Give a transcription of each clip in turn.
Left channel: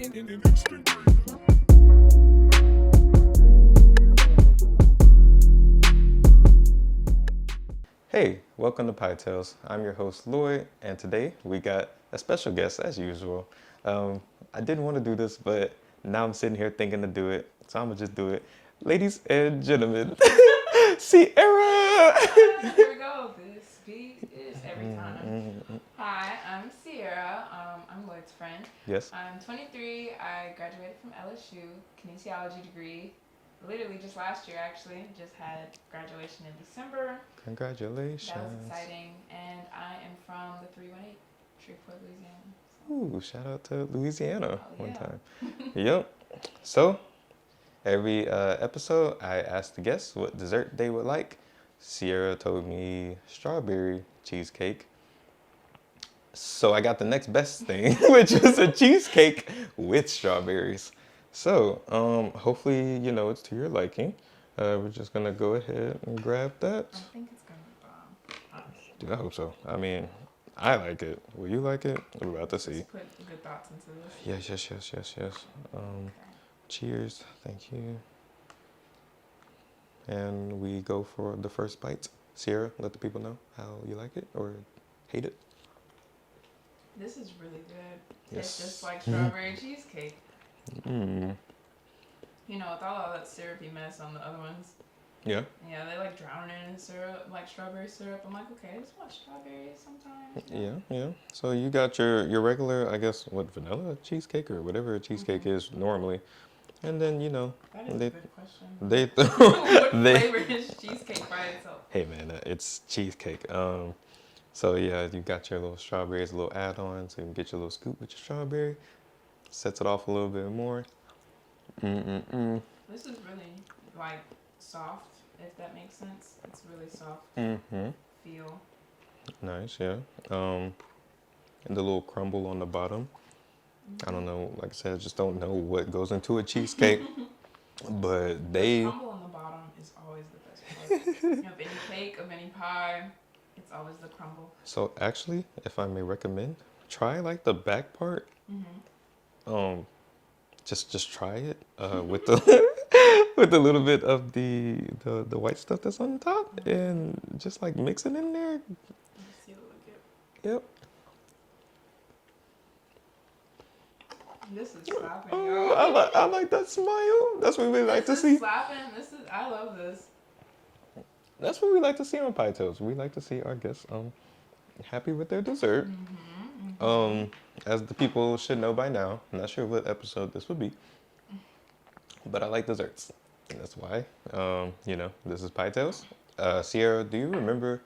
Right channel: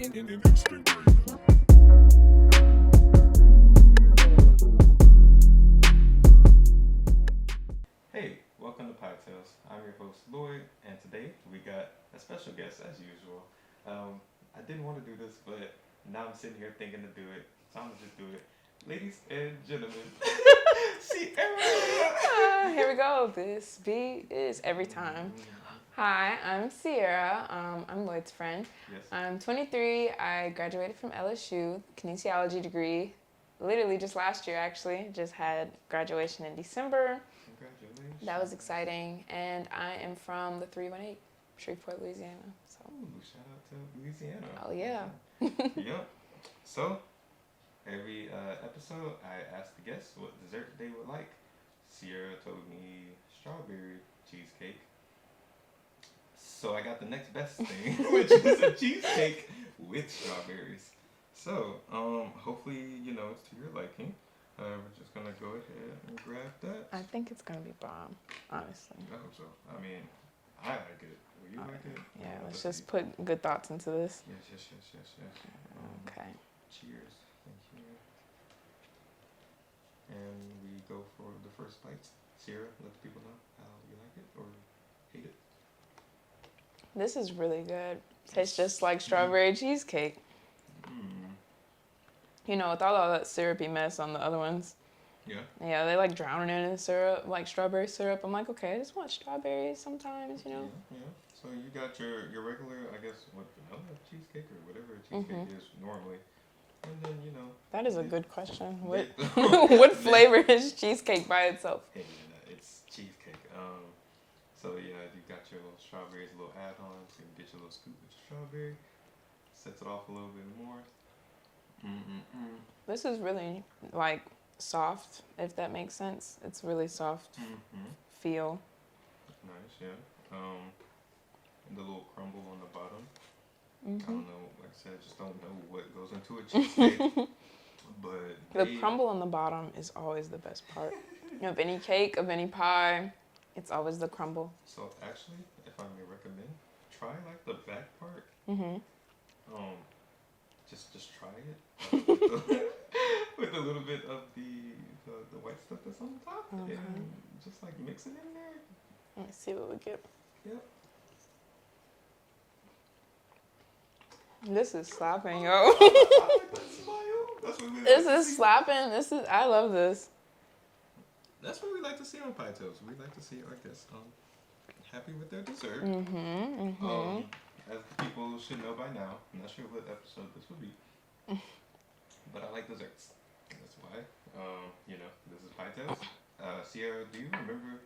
Hey, welcome to PieTales. I'm your host Lloyd, and today we got a special guest as usual. I didn't want to do this, but now I'm sitting here thinking to do it, so I'm gonna just do it. Ladies and gentlemen, Sierra. Here we go. This beat is every time. Hi, I'm Sierra. I'm Lloyd's friend. Yes. I'm 23. I graduated from LSU, kinesiology degree. Literally just last year, actually. Just had graduation in December. Congratulations. That was exciting. And I am from the 318, Shreveport, Louisiana. So. Ooh, shout out to Louisiana. Oh, yeah. One time. Yep. So, every episode, I asked the guests what dessert they would like. Sierra told me strawberry cheesecake. So I got the next best thing, which is a cheesecake with strawberries. So, hopefully, it's to your liking. We're just going to go ahead and grab that. I think it's going to be bomb, honestly. Dude, I hope so. I mean, I like it. Will you like it? We're about to see. Just put good thoughts into this. Yes. Okay. Cheers. Thank you. And we go for the first bite. Sierra, let the people know how you like it or hate it. This is really good. Yes. Tastes just like strawberry cheesecake. Mm. You know, with all that syrupy mess on the other ones. Yeah. Yeah, they like drowning it in syrup, like strawberry syrup. I'm like, okay, I just want strawberries sometimes, you know? Yeah. So you got your regular, I guess, vanilla cheesecake or whatever a cheesecake is normally. And then, That is a good question. What flavor is cheesecake by itself? Hey, man, it's cheesecake. So, yeah, you got your little strawberries, a little add-on, so you can get your little scoop with your strawberry. Sets it off a little bit more. This is really, soft, if that makes sense. It's really soft feel. Nice, yeah. And the little crumble on the bottom. I don't know, like I said, I just don't know what goes into a cheesecake. But the crumble on the bottom is always the best part. Of any cake, of any pie, it's always the crumble. So actually, if I may recommend, try the back part. Just try it with the with a little bit of the white stuff that's on top, and just mix it in there. Let's see what we get. Yep. This is slapping, yo. I like that smile. That's what we like to see. This is slapping. I love this. That's what we like to see on PieTales. We like to see our guests happy with their dessert. As the people should know by now, I'm not sure what episode this would be, but I like desserts. And that's why, this is PieTales. Sierra, do you remember?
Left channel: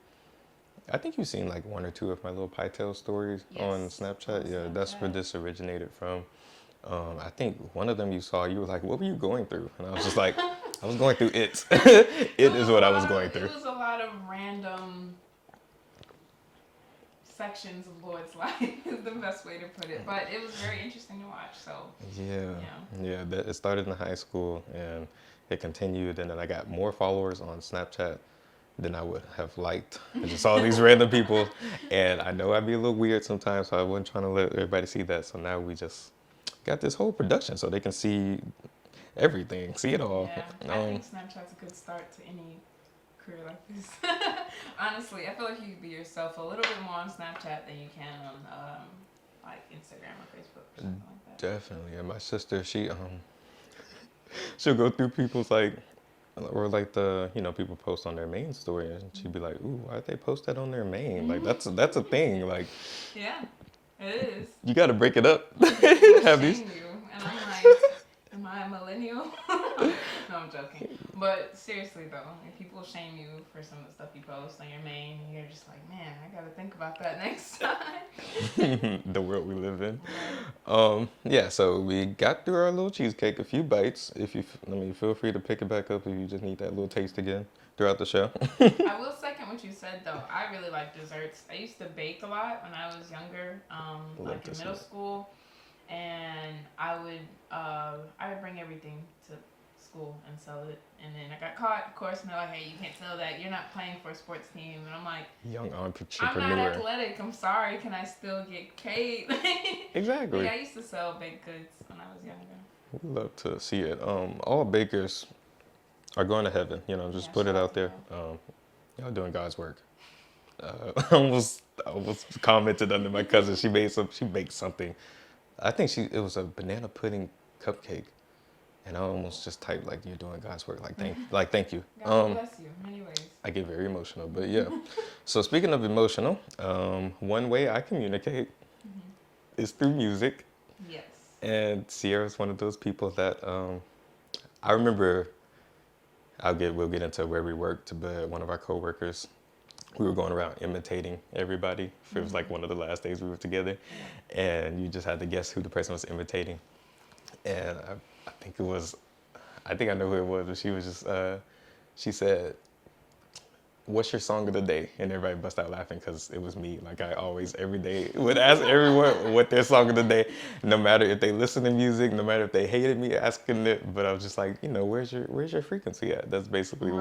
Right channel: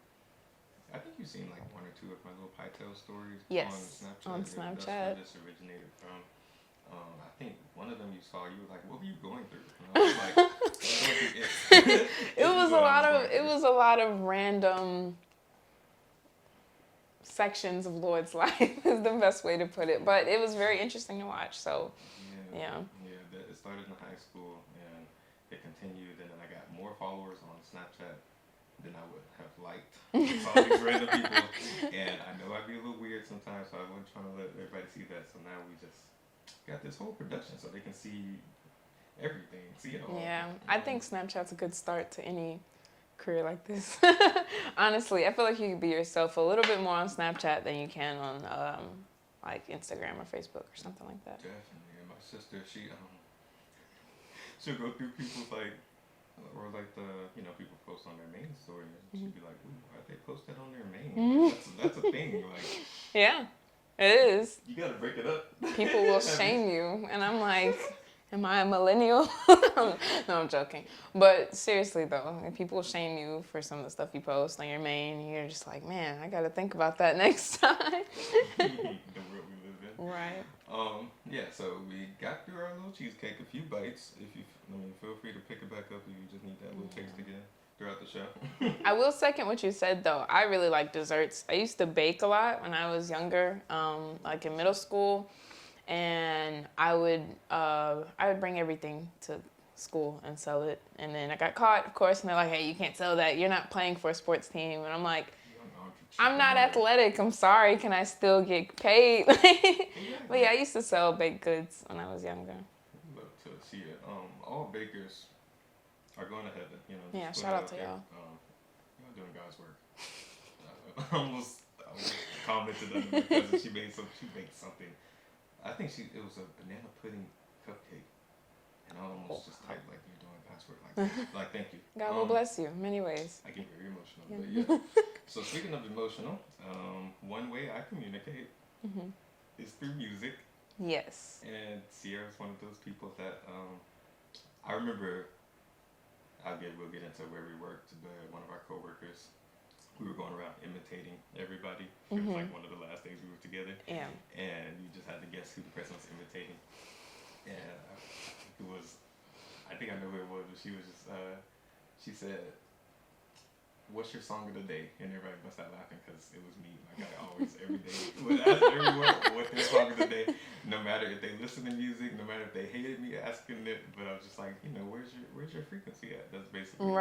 I think you've seen one or two of my little PieTales stories on Snapchat. Yeah, that's where this originated from. I think one of them you saw, you were like, what were you going through? And I was just like, I was going through it. It is what I was going through. It was a lot of random sections of Lloyd's life is the best way to put it. But it was very interesting to watch. So Yeah. It started in high school and it continued, and then I got more followers on Snapchat than I would have liked. I just saw these random people, and I know I'd be a little weird sometimes, so I wasn't trying to let everybody see that. So now we just got this whole production so they can see everything, see it all. Yeah, I think Snapchat's a good start to any career like this. Honestly, I feel like you can be yourself a little bit more on Snapchat than you can on Instagram or Facebook or something like that. Definitely. And my sister, she'll go through people's people post on their main story, and she'd be like, "Ooh, why'd they post that on their main? That's a thing. Yeah, it is. You got to break it up." People will shame you, and I'm like, am I a millennial? No, I'm joking. But seriously though, if people shame you for some of the stuff you post on your main, you're just like, man, I gotta think about that next time. The world we live in. Right. So we got through our little cheesecake, a few bites. Feel free to pick it back up if you just need that little taste again throughout the show. I will second what you said though. I really like desserts. I used to bake a lot when I was younger, in middle school. And I would bring everything to school and sell it. And then I got caught, of course, and they're like, hey, you can't sell that. You're not playing for a sports team. And I'm like, Young entrepreneur. I'm not athletic. I'm sorry. Can I still get paid? Exactly. But yeah, I used to sell baked goods when I was younger. We love to see it. All bakers are going to heaven. You know, just put it out there. Y'all doing God's work. I almost commented under my cousin. She baked something. I think it was a banana pudding cupcake. And I almost just typed like, you're doing God's work. Thank you. God will bless you in many ways. I get very emotional, but yeah. So speaking of emotional, one way I communicate is through music. Yes. And Sierra's one of those people that I remember. We'll get into where we worked, but one of our coworkers, we were going around imitating everybody. It was like one of the last days we were together, and you just had to guess who the person was imitating. And I think I know who it was, but she was just, she said, what's your song of the day? And everybody bust out laughing because it was me. Like I always, every day, would ask everyone what their song of the day, no matter if they listen to music, no matter if they hated me asking it. But I was just like, where's your frequency at? That's basically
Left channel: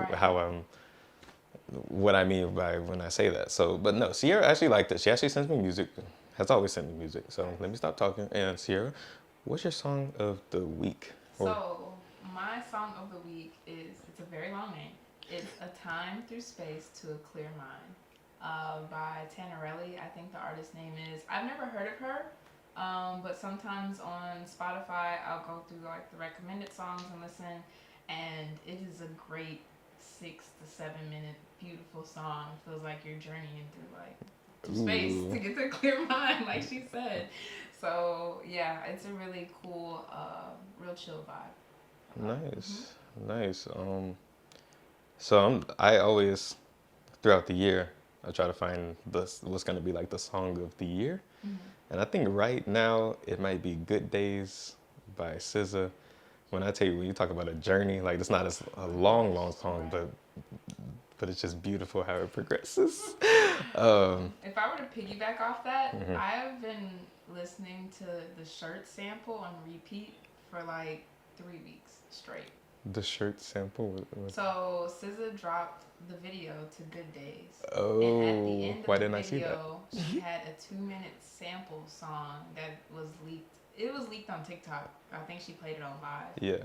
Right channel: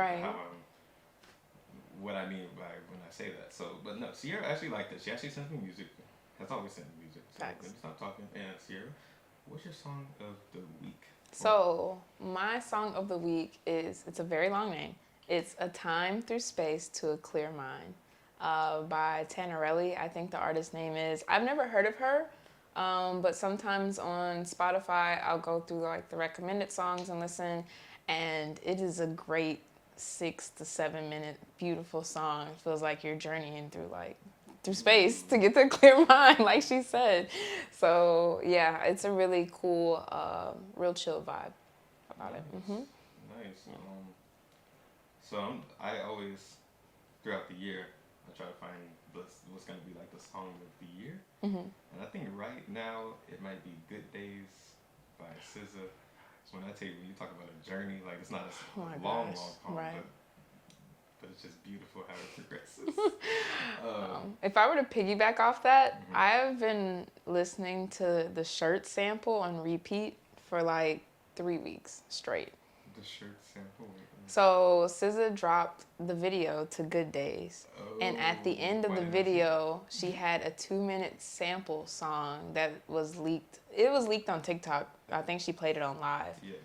what I mean by when I say that. So, but no, Sierra actually liked it. She actually sends me music, has always sent me music. So Let me stop talking. And Sierra, what's your song of the week? So my song of the week it's a very long name. It's A Time Through Space to a Clear Mind by Tannerelli. I think the artist name is. I've never heard of her, but sometimes on Spotify I'll go through like the recommended songs and listen, and it is a great 6 to 7 minute beautiful song. It feels like you're journeying through space to get to a clear mind, like she said. So yeah, it's a really cool, real chill vibe. Nice. So I always, throughout the year, I try to find what's going to be like the song of the year. And I think right now it might be Good Days by SZA. When you talk about a journey, like it's not a long song, right. but it's just beautiful how it progresses. If I were to piggyback off that, I've been listening to the Shirt sample on repeat for like 3 weeks straight. The Shirt sample? So SZA dropped the video to Good Days. And at the end of the video, she had a 2-minute sample song that was leaked. It was leaked on TikTok. I think she played it on live. Yeah.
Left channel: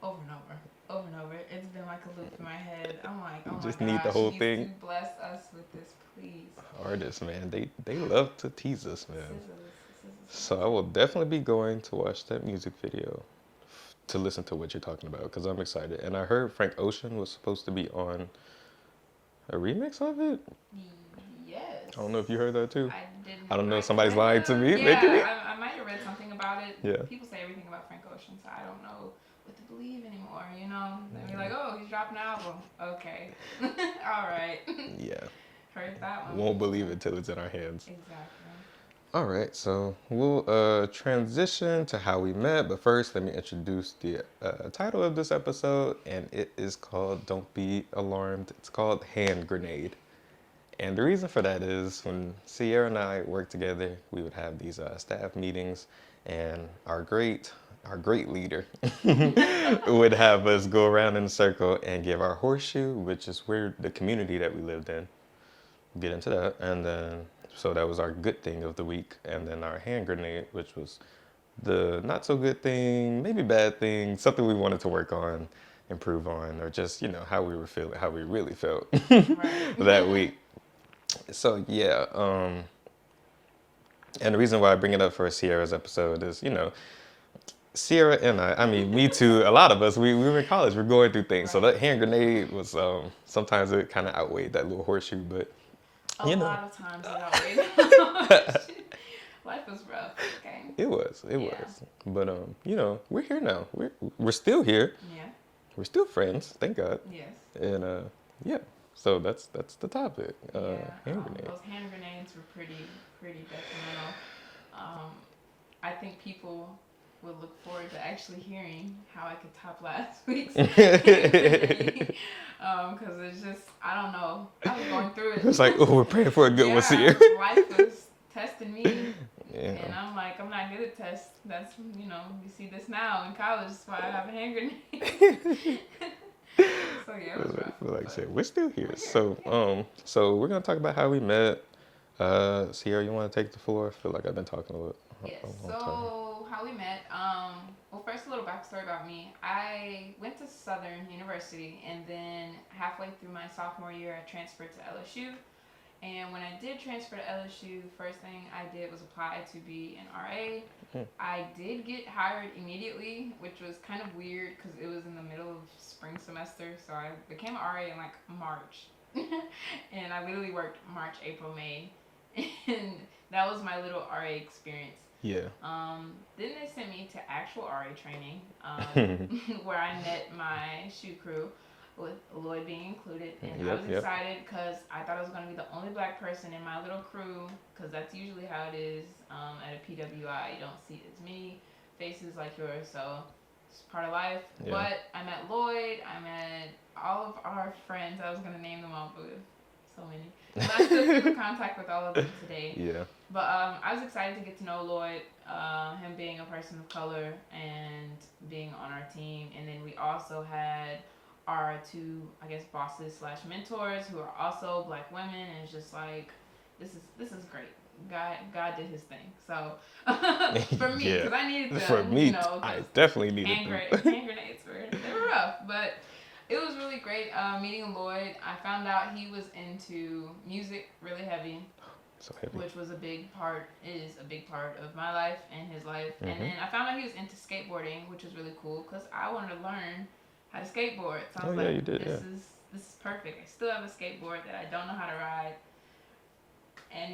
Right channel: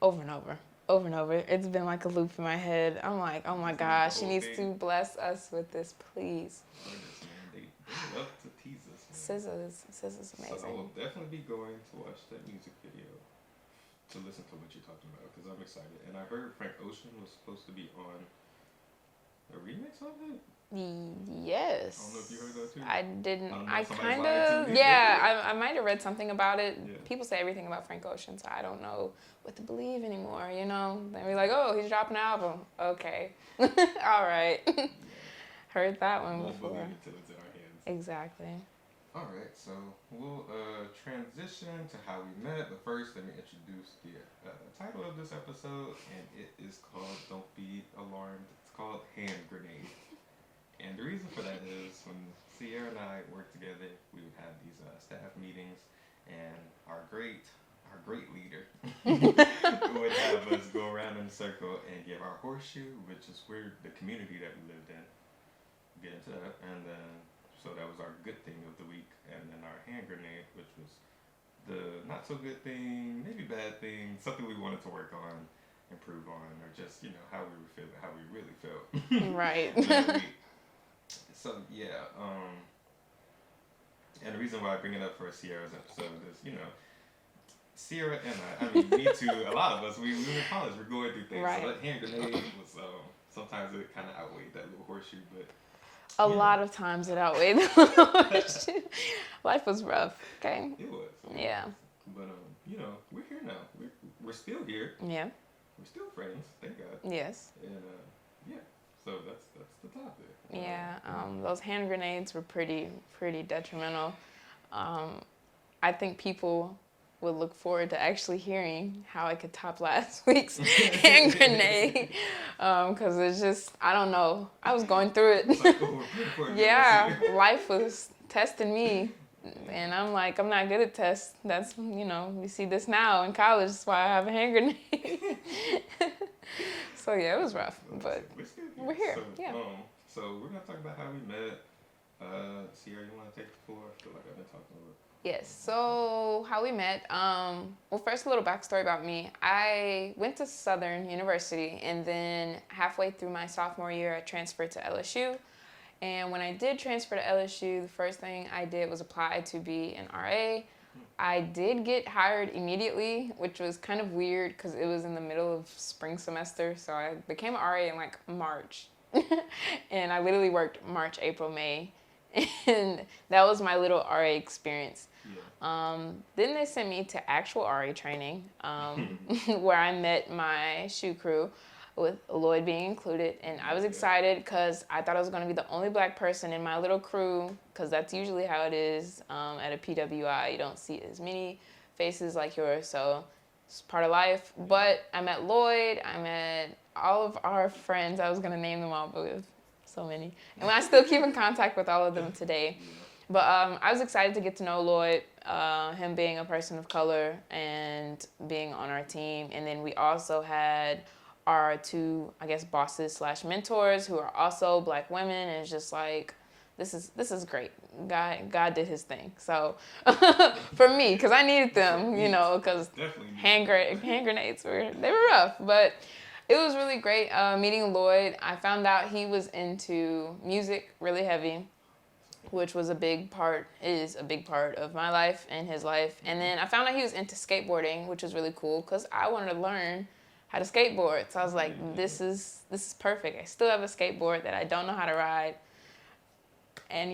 Over and over. It's been like a loop in my head. I'm like, oh my gosh, she needs to bless us with this, please. Artists, man, they love to tease us, man. SZA's so I will definitely be going to watch that music video to listen to what you're talking about, because I'm excited. And I heard Frank Ocean was supposed to be on a remix of it. Yes. I don't know if you heard that too. I didn't. I don't know if somebody's lying to me. Yeah, I might have read something about it. Yeah. People say everything about Frank Ocean, so I don't know what to believe anymore, They'll be like, oh, he's dropping an album. Okay. All right. Yeah. Heard that one. Won't believe it till it's in our hands. Exactly. All right, so we'll transition to how we met, but first let me introduce the title of this episode, and it is called, don't be alarmed, it's called Hand Grenade. And the reason for that is when Sierra and I worked together, we would have these staff meetings, and our great leader would have us go around in a circle and give our horseshoe, which is where the community that we lived in, get into that, and then so that was our good thing of the week. And then our hand grenade, which was the not so good thing, maybe bad thing, something we wanted to work on, improve on, or just, how we were feeling, how we really felt that week. So yeah, and the reason why I bring it up for Sierra's episode is, Sierra and I mean, me too, a lot of us, we were in college, we're going through things. Right. So that hand grenade was, sometimes it kind of outweighed that little horseshoe, but a lot of times it outweighed the life was rough, okay? It was. But, we're here now. We're still here. Yeah. We're still friends, thank God. Yes. And, so that's the topic. Those hand grenades were pretty detrimental. I think people would look forward to actually hearing how I could top last week's hand grenade. Because it's just, I don't know. I was going through it. It's like, oh, we're praying for a good one here. Life was testing me Yeah. And I'm like, I'm not good at tests. That's, you see this now in college. That's why I have a hand grenade. So yeah, it was rough. Like I But said, we're still here. we're here. So, Yeah. so we're gonna talk about how we met. Sierra, you want to take the floor? I feel like I've been talking a little. Yes. A long time. So how we met. Well, first a little backstory about me. I went to Southern University, and then halfway through my sophomore year, I transferred to LSU. And when I did transfer to LSU, the first thing I did was apply to be an RA. I did get hired immediately, which was kind of weird because it was in the middle of spring semester. So I became an RA in like March. And I literally worked March, April, May. And that was my little RA experience. Yeah. Then they sent me to actual RA training, where I met my shoe crew, with Lloyd being included. And I was excited because I thought I was going to be the only black person in my little crew, because that's usually how it is at a PWI. You don't see as many faces like yours, so it's part of life. Yeah. But I met Lloyd, I met all of our friends. I was going to name them all, but we have so many. And I still keep in contact with all of them today. Yeah. But I was excited to get to know Lloyd, him being a person of color and being on our team. And then we also had our two, I guess, bosses / mentors who are also black women. And it's just like, this is great. God did his thing. So for me, because I needed them, because definitely needed hand grenades were rough. But it was really great meeting Lloyd. I found out he was into music really heavy. Which was is a big part of my life and his life. Mm-hmm. And then I found out he was into skateboarding, which was really cool because I wanted to learn how to skateboard. So I was this is perfect. I still have a skateboard that I don't know how to ride. And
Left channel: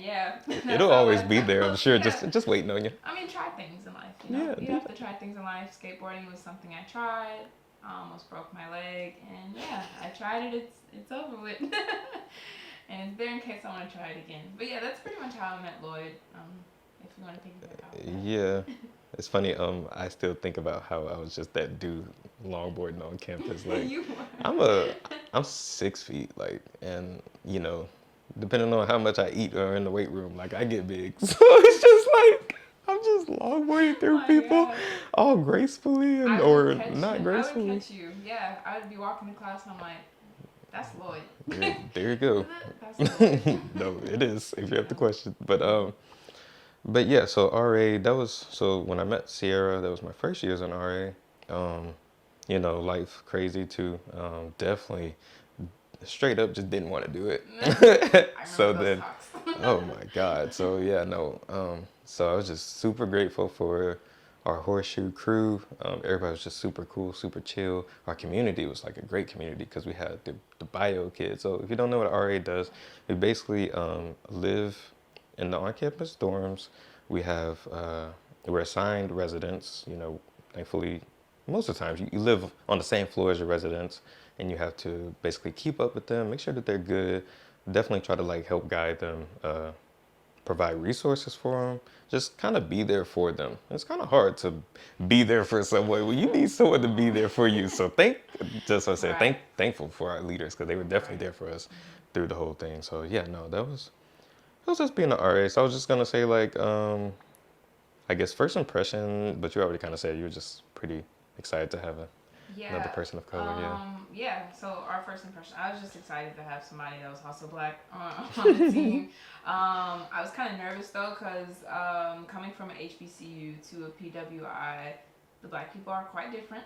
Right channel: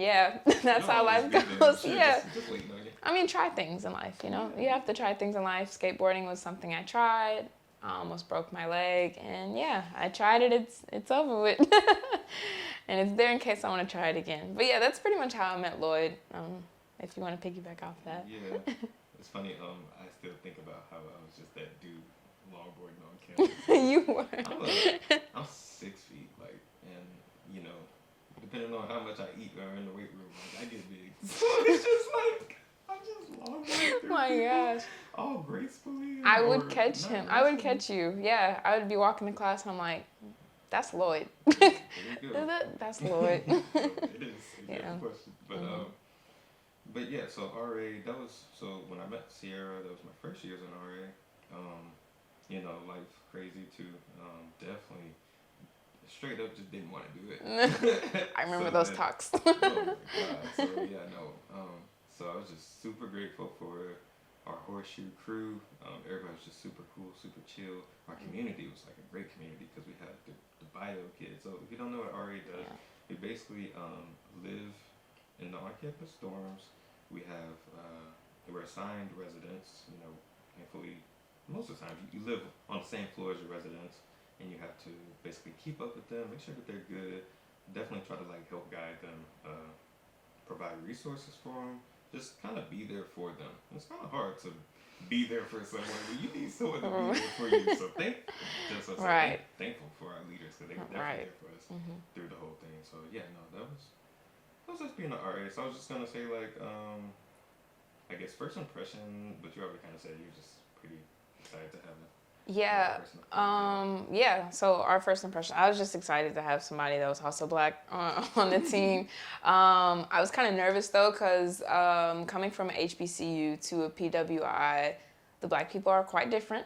it'll always be there, I'm sure. Yeah. Just waiting on you. I mean, try things in life, you have to try things in life. Skateboarding was something I tried. I almost broke my leg, and I tried it. It's over with. And it's there in case I want to try it again. But that's pretty much how I met Lloyd. If you want to piggyback off that. Yeah, it's funny. I still think about how I was just that dude longboarding on campus. Like, you were. I'm 6 feet, and depending on how much I eat or in the weight room, I get big. So it's just like I'm just longboarding through people, all gracefully I would catch you. Yeah, I would be walking to class and I'm like, that's Lloyd. Yeah, there you go. Is it? That's Lloyd. No, it is, if you have the question. But yeah, so RA, so when I met Sierra, that was my first year as an RA. Life crazy too. Definitely straight up just didn't want to do it. I remember those talks. Oh my God. So so I was just super grateful for our horseshoe crew. Everybody was just super cool, super chill. Our community was like a great community because we had the bio kids. So if you don't know what RA does, we basically live in the on-campus dorms. We're assigned residents. Thankfully, most of the times you live on the same floor as your residents, and you have to basically keep up with them, make sure that they're good. Definitely try to help guide them, provide resources for them. Just kind of be there for them. It's kind of hard to be there for someone when you need someone to be there for you. So thankful for our leaders because they were definitely there for us through the whole thing. So that was just being an RA. So I was just gonna say I guess first impression, but you already kind of said you were just pretty excited to have another person of color. So our first impression, I was just excited to have somebody that was also black on the team. I was kind of nervous though because coming from an HBCU to a PWI, the black people are quite different.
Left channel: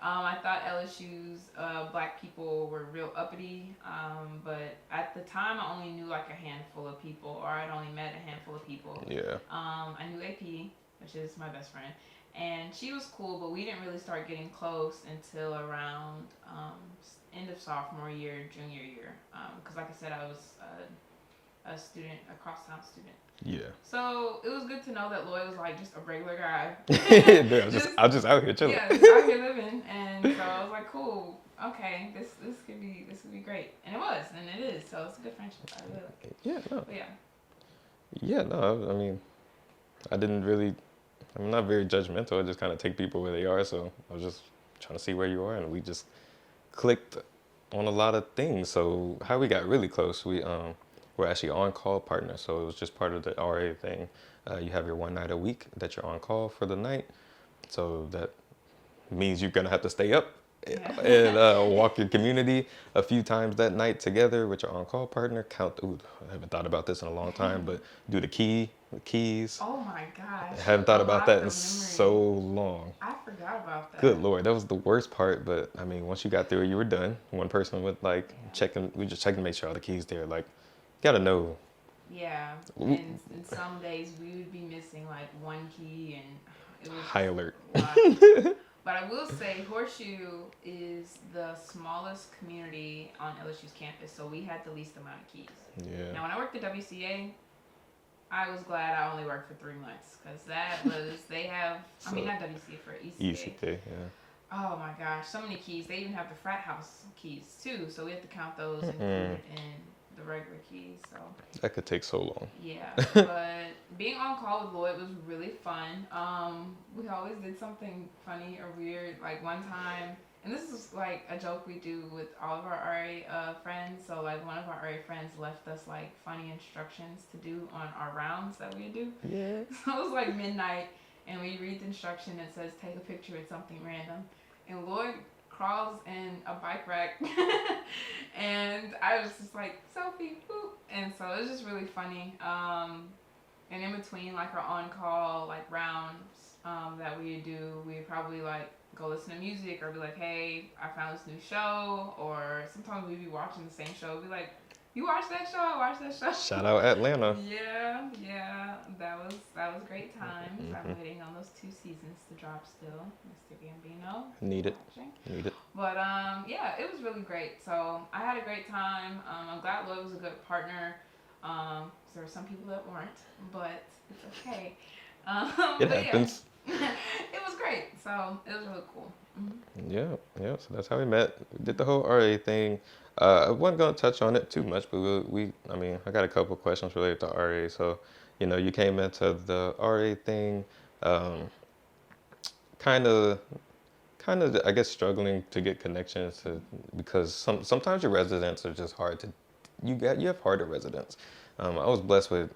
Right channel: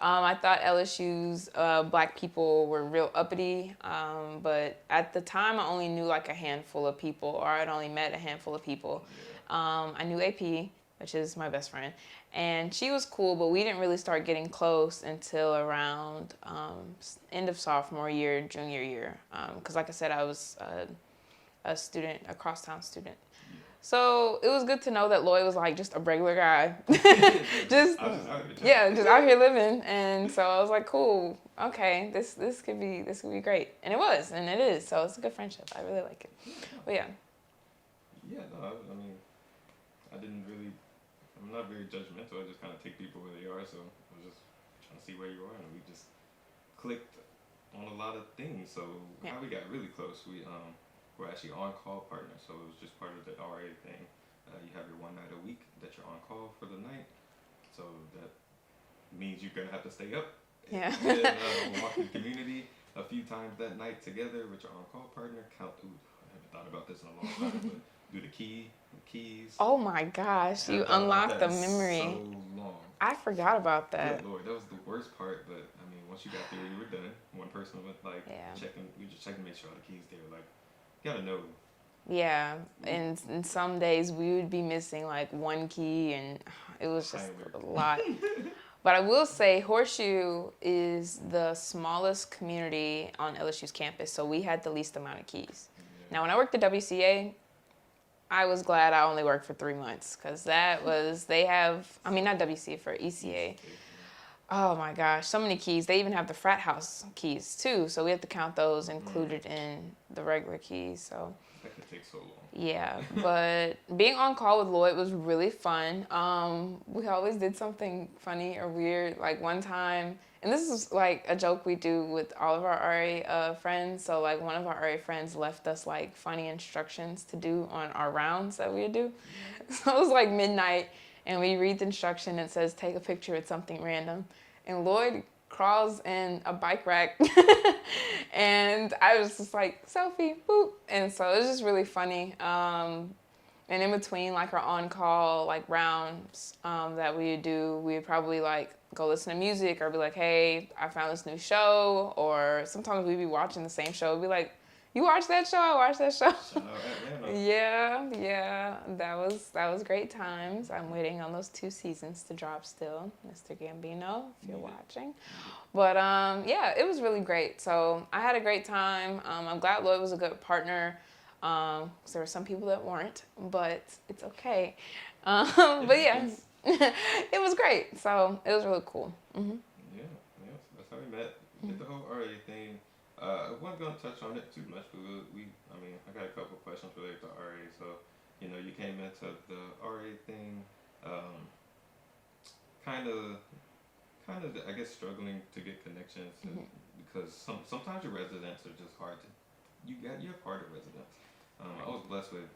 I thought LSU's black people were real uppity, but at the time I only knew a handful of people, or I'd only met a handful of people. Yeah. I knew AP, which is my best friend. And she was cool, but we didn't really start getting close until around end of sophomore year, junior year. Because like I said, I was a crosstown student. Yeah. So it was good to know that Lloyd was just a regular guy. I'm just out here chilling. Yeah, just out here living. And so I was like, cool, okay, this could be great. And it was, and it is. So it's a good friendship. I really like it. Yeah, no. But yeah. Yeah, no, I mean, I'm not very judgmental. I just kind of take people where they are. So I was just trying to see where you are, and we just clicked on a lot of things. So how we got really close, we're actually on-call partners. So it was just part of the RA thing. You have your one night a week that you're on call for the night. So that means you're gonna have to stay up Yeah. and walk your community a few times that night together with your on-call partner. Count. Ooh, I haven't thought about this in a long time, but do the keys. Oh my gosh, I you hadn't thought about unlocked that the in memory. so long. I forgot about Good that. Lord, that was the worst part. But I mean, once you got through it, you were done. One person would like Yeah. checking. We just checking to make sure all the keys there. Like, gotta know. Yeah, and some days we would be missing like one key, and it was High just alert. a lot. But I will say, Horseshoe is the smallest community on LSU's campus, so we had the least amount of keys. Yeah. Now, when I worked at WCA, I was glad I only worked for 3 months because that was they have. I mean, not WCA for ECA. ECK, yeah. Oh my gosh, so many keys. They even have the frat house keys too, so we have to count those included in the regular keys. So That could take so long. yeah, but being on call with Lloyd was really fun. We always did something funny or weird. Like one time, and this is like a joke we do with all of our RA friends. So like one of our RA friends left us like funny instructions to do on our rounds that we would do. Yeah. So it was like midnight, and we read the instruction. It says take a picture with something random, and Lloyd crawls in a bike rack and I was just like selfie boop, and so it was just really funny. And in between like our on-call like rounds that we would do, we would probably like go listen to music or be like, hey, I found this new show, or sometimes we'd be watching the same show, be like, you watch that show? I watched that show. Shout out Atlanta. Yeah, that was great times. I'm waiting on those 2 seasons to drop still. Mr. Gambino, if Need you're it. watching. Need it. But yeah, it was really great. So I had a great time. I'm glad Lloyd was a good partner. 'Cause there were some people that weren't, but it's okay. It But happens. yeah, it was great. So it was really cool. Yeah, yeah. So that's how we met. We did the whole RA thing. I wasn't gonna touch on it too much, but I mean, I got a couple questions related to RA. So, you came into the RA thing, kind of, I guess, struggling to get connections because sometimes your residents are just hard to, you have harder residents. I was blessed with,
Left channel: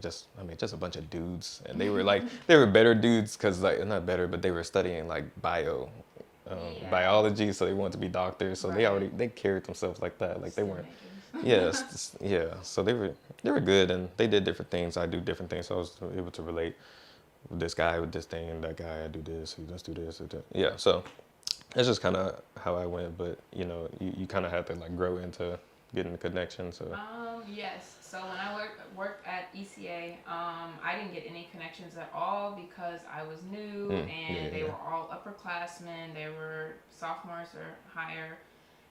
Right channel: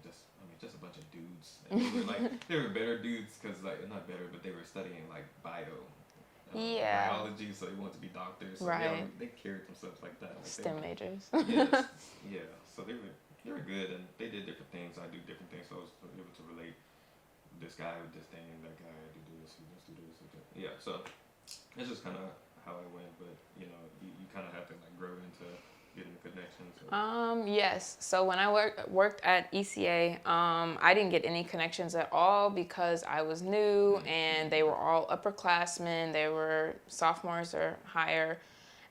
just a bunch of dudes, and they were like, they were better dudes because like not better, but they were studying like Yeah. biology, so they wanted to be doctors. So Right. they carried themselves like that. Like STEM they were, majors. yeah. So they were good, and they did different things. I do different things, so I was able to relate with this guy with this thing, and that guy I do this. Let's do this. Yeah. So that's just kind of how I went. But you kind of had to like grow into getting the connections. Yes. So when I worked at ECA, I didn't get any connections at all because I was new, and they were all upperclassmen. They were sophomores or higher,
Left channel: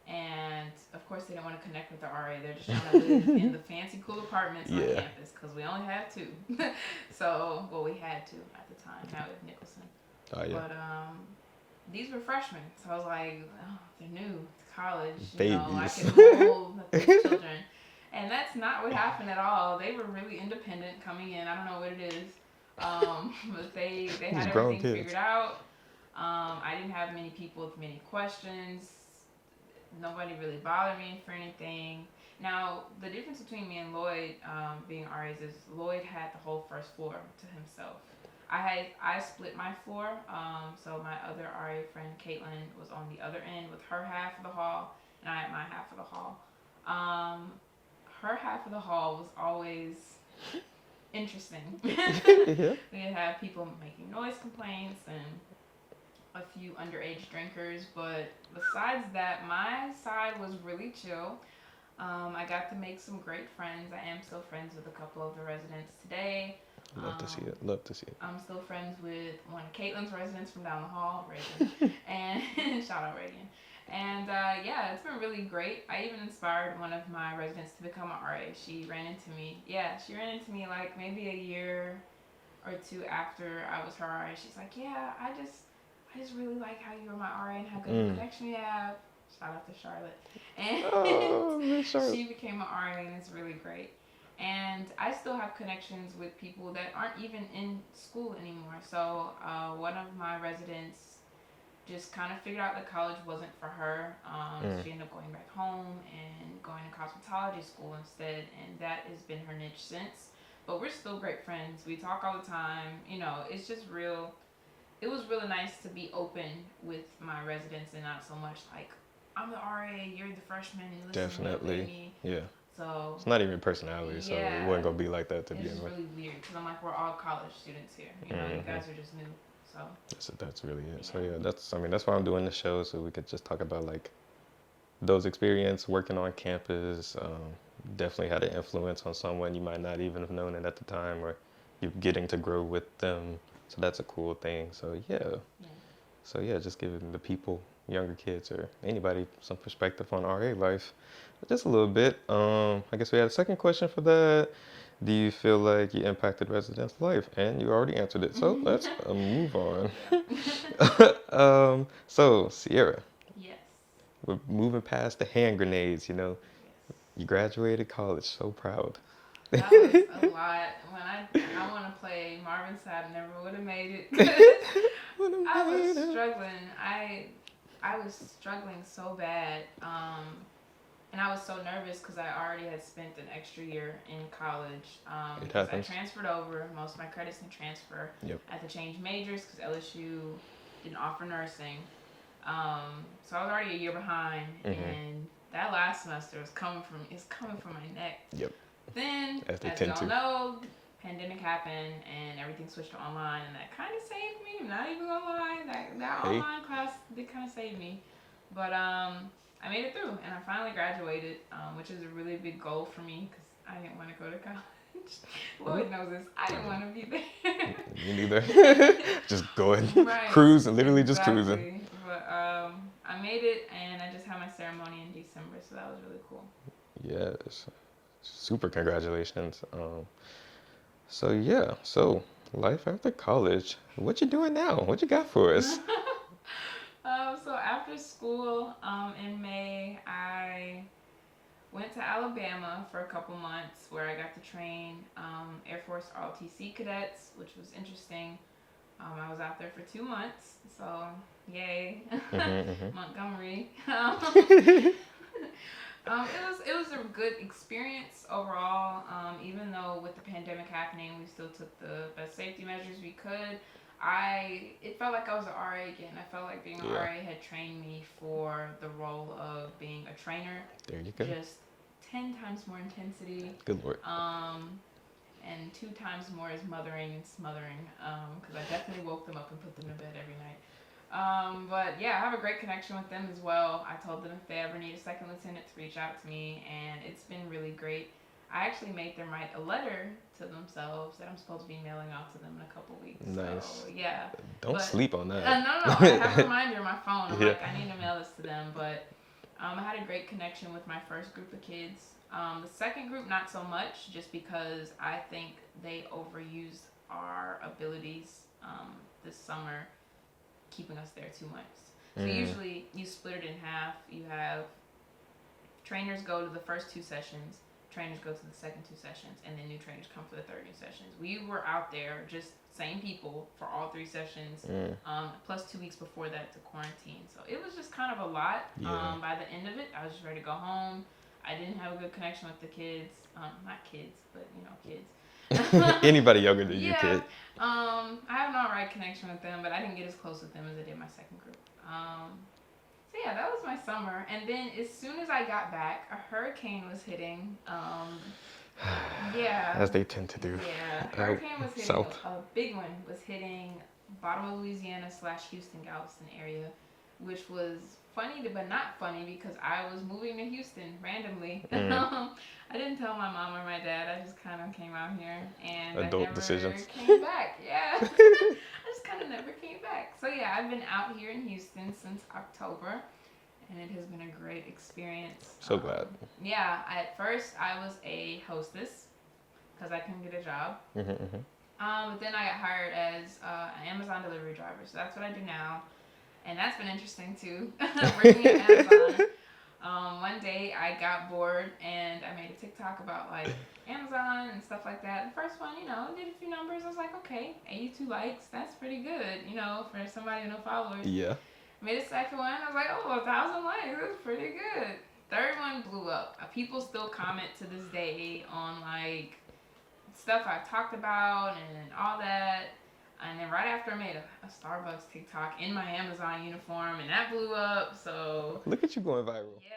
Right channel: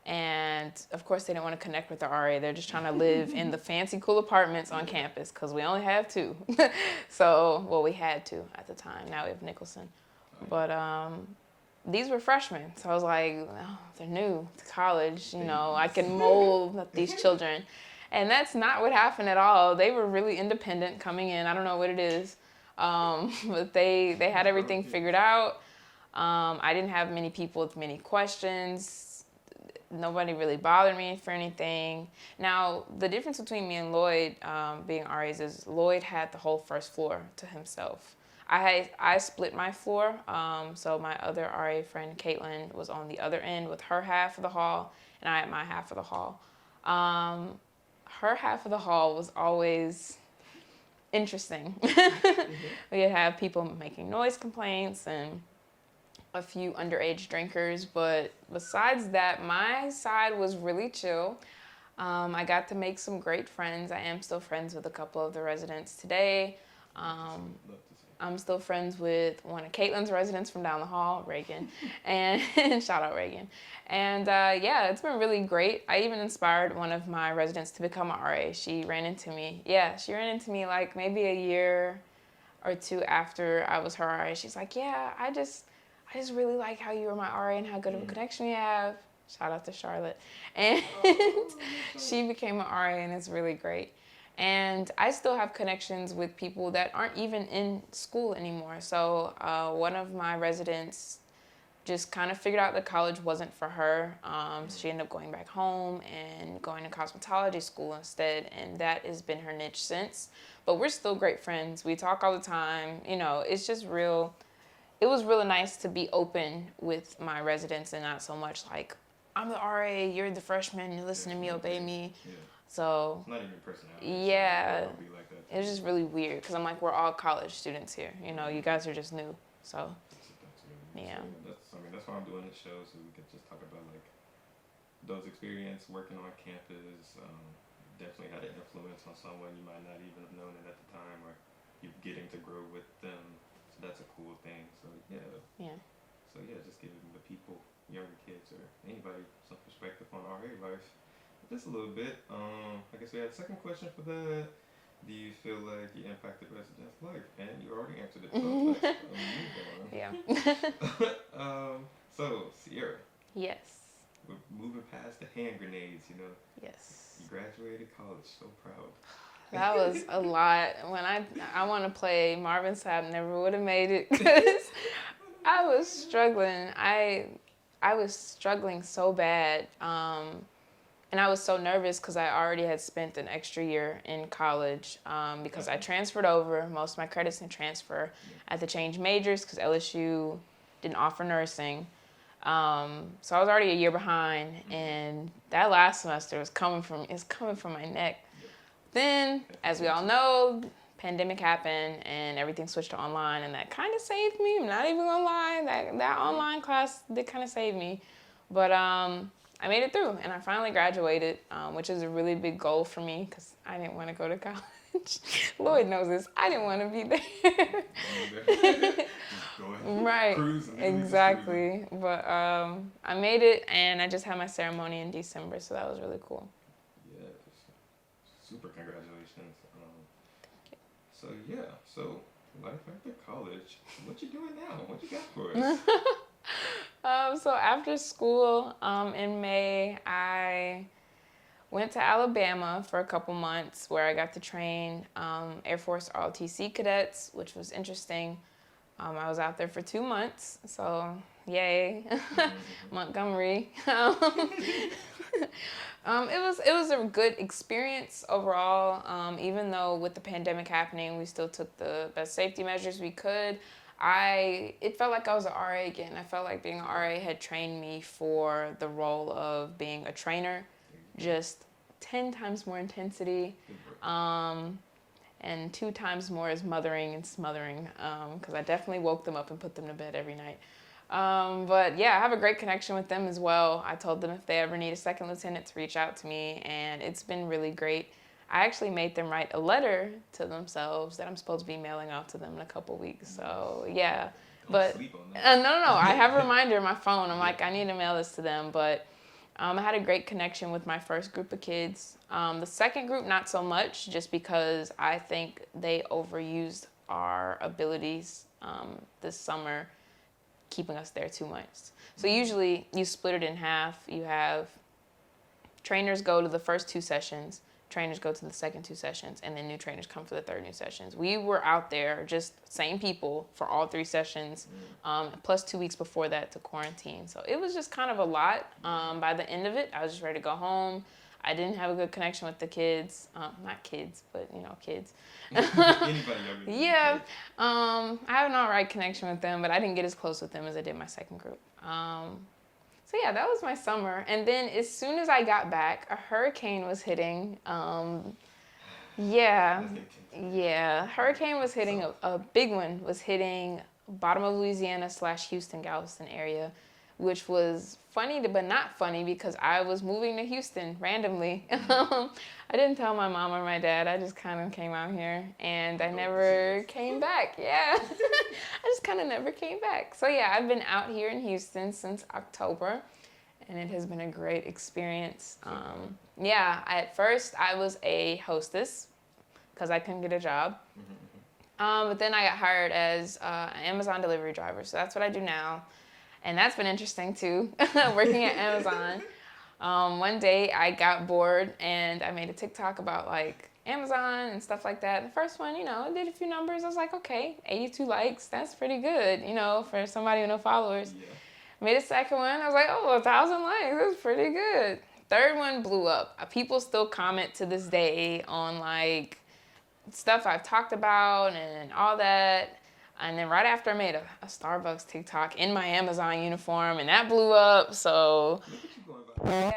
and of course they didn't want to connect with the RA. They're just trying to live in the fancy, cool apartments on campus because we only have 2. So, well, we had 2 at the time. Now we have Nicholson. Oh, yeah. But these were freshmen, so I was like, oh, they're new to college. I can mold these children. And that's not what happened at all. They were really independent coming in. I don't know what it is. But they had These grown everything kids. figured out. I didn't have many people with many questions. Nobody really bothered me for anything. Now, the difference between me and Lloyd being RAs is Lloyd had the whole first floor to himself. I split my floor, so my other RA friend, Caitlin, was on the other end with her half of the hall, and I had my half of the hall. Her half of the hall was always interesting. We'd have people making noise complaints and a few underage drinkers, but besides that, my side was really chill. I got to make some great friends. I am still friends with a couple of the residents today. Love to see it. I'm still friends with one of Caitlin's residents from down the hall, Reagan, and shout out Reagan. And yeah, it's been really great. I even inspired one of my residents to become an RA. She ran into me. Yeah, she ran into me like maybe a year or 2 after I was her RA. She's like, yeah, I just really like how you were my RA and how good of a connection we have. Shout out to Charlotte. And she became an RA, and it's really great. And I still have connections with people that aren't even in school anymore. So one of my residents just kind of figured out that college wasn't for her. She ended up going back home and going to cosmetology school instead. And that has been her niche since. but we're still great friends. We talk all the time. You know, it's just real. It was really nice to be open with my residents and not so much like, I'm the RA, you're the freshman, you listen to me, obey me. Yeah. So it's not even your personality, so it wasn't gonna be like that. It was just really weird because I'm like, we're all college students here. You know, you guys are just new. So that's really it. Yeah. So yeah, that's why I'm doing the show, so we could just talk about like those experiences working on campus. Definitely had an influence on someone you might not even have known it at the time, or you're getting to grow with them. So that's a cool thing. So yeah. So yeah, just giving the people, younger kids or anybody, some perspective on RA life, just a little bit. I guess we had a second question for that. Do you feel like you impacted residents' life? And you already answered it, so let's move on. Yeah. So Sierra. Yes. We're moving past the hand grenades, you know. Yes. You graduated college, so proud. That was a lot. When I want to play Marvin Sapp, never would have made it because I was struggling. I was struggling so bad. And I was so nervous because I already had spent an extra year in college because I transferred over. Most of my credits in transfer. Yep. I had to change majors because LSU didn't offer nursing. So I was already a year behind, and that last semester was coming from my neck. Yep. Then, as we all know, pandemic happened and everything switched to online, and that kind of saved me. I'm not even gonna lie, that online class did kind of save me. But I made it through, and I finally graduated, which is a really big goal for me because I didn't want to go to college. Lloyd knows this. I didn't want to be there. Me neither. Just go ahead and cruise and literally just cruising. But I made it, and I just had my ceremony in December, so that was really cool. Yes. Super congratulations. So life after college. What you doing now? What you got for us? So after school, in May, I went to Alabama for a couple months where I got to train Air Force ROTC cadets, which was interesting. I was out there for 2 months, so yay, Montgomery. It was a good experience overall. Even though with the pandemic happening, we still took the best safety measures we could. It felt like I was an RA again. I felt like being an RA had trained me for the role of being a trainer. There you go. Just 10 times more intensity. Good work. And 2 times more is mothering and smothering, because I definitely woke them up and put them to bed every night. But yeah, I have a great connection with them as well. I told them if they ever need a second lieutenant to reach out to me, and it's been really great. I actually made them write a letter to themselves that I'm supposed to be mailing off to them in a couple weeks. Nice. So yeah. Don't sleep on that. No. I have a reminder on my phone. I'm like, I need to mail this to them. But I had a great connection with my first group of kids. The second group, not so much, just because I think they overused our abilities this summer, keeping us there too much. So usually you split it in half. You have trainers go to the first 2 sessions, trainers go to the second 2 sessions, and then new trainers come for the third new sessions. We were out there, just same people, for all 3 sessions, plus 2 weeks before that to quarantine. So it was just kind of a lot. By the end of it, I was just ready to go home. I didn't have a good connection with the kids. Not kids, but, kids. Anybody younger than your kid. I have an alright connection with them, but I didn't get as close with them as I did my second group. So yeah, that was my summer. And then as soon as I got back, a hurricane was hitting. As they tend to do. Yeah, hurricane was hitting. A big one was hitting bottom of Louisiana / Houston, Galveston area, which was funny but not funny because I was moving to Houston randomly. I didn't tell my mom or my dad. I just kind of came out here, and I never came back. Yeah, I just kind of never came back. So yeah, I've been out here in Houston since October, and it has been a great experience. So glad. Yeah, at first I was a hostess because I couldn't get a job. But then I got hired as an Amazon delivery driver. So that's what I do now. And that's been interesting too, working at Amazon. One day I got bored and I made a TikTok about like Amazon and stuff like that. The first one, did a few numbers. I was like, okay, 82 likes. That's pretty good, for somebody with no followers. Yeah. Made a second one. I was like, 1,000 likes. That's pretty good. Third one blew up. People still comment to this day on like stuff I've talked about and all that. And then right after I made a Starbucks TikTok in my Amazon uniform, and that blew up. So Look at you going viral. yeah,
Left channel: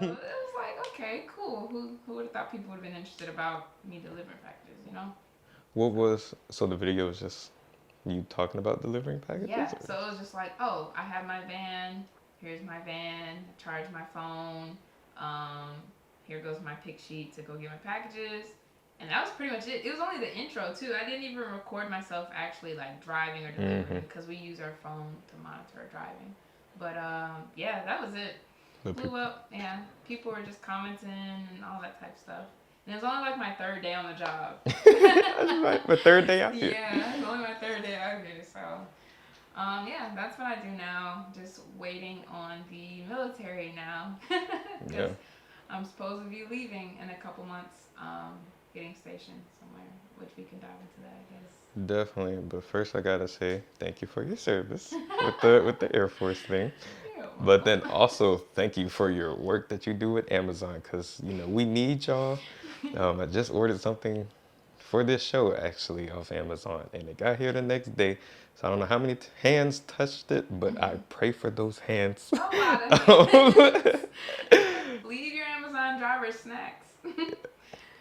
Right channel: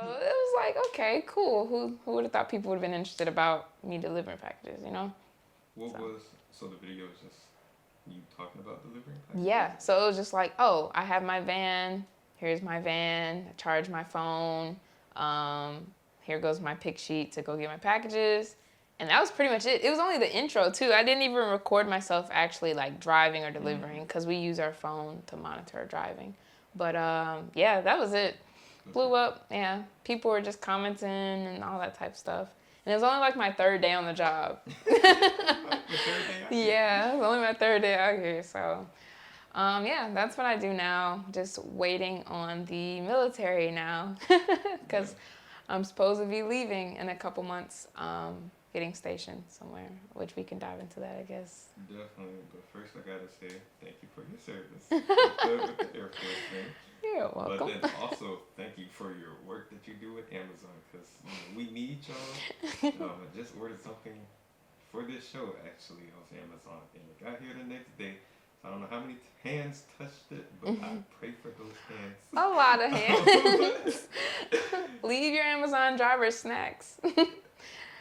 so it was like, okay, cool. Who would have thought people would have been interested about me delivering packages, you know? So the video was just you talking about delivering packages? Yeah, so it was just like, oh, I have my van. Here's my van. I charge my phone. Here goes my pick sheet to go get my packages. And that was pretty much it. It was only the intro, too. I didn't even record myself actually, like, driving or delivering because we use our phone to monitor our driving. But, yeah, that was it. Blew up. Yeah, people were just commenting and all that type of stuff. And it was only, like, my third day on the job. My third day out here. Yeah, it was only my third day out here, so... yeah, that's what I do now. Just waiting on the military now. Because I'm supposed to be leaving in a couple months, getting stationed somewhere, which we can dive into that, I guess. Definitely, but first I gotta say thank you for your service with the Air Force thing. You're welcome. But then also thank you for your work that you do with Amazon, because we need y'all. I just ordered something for this show actually off Amazon, and it got here the next day. So I don't know how many hands touched it, but I pray for those hands. A lot of hands. Leave your Amazon driver snacks.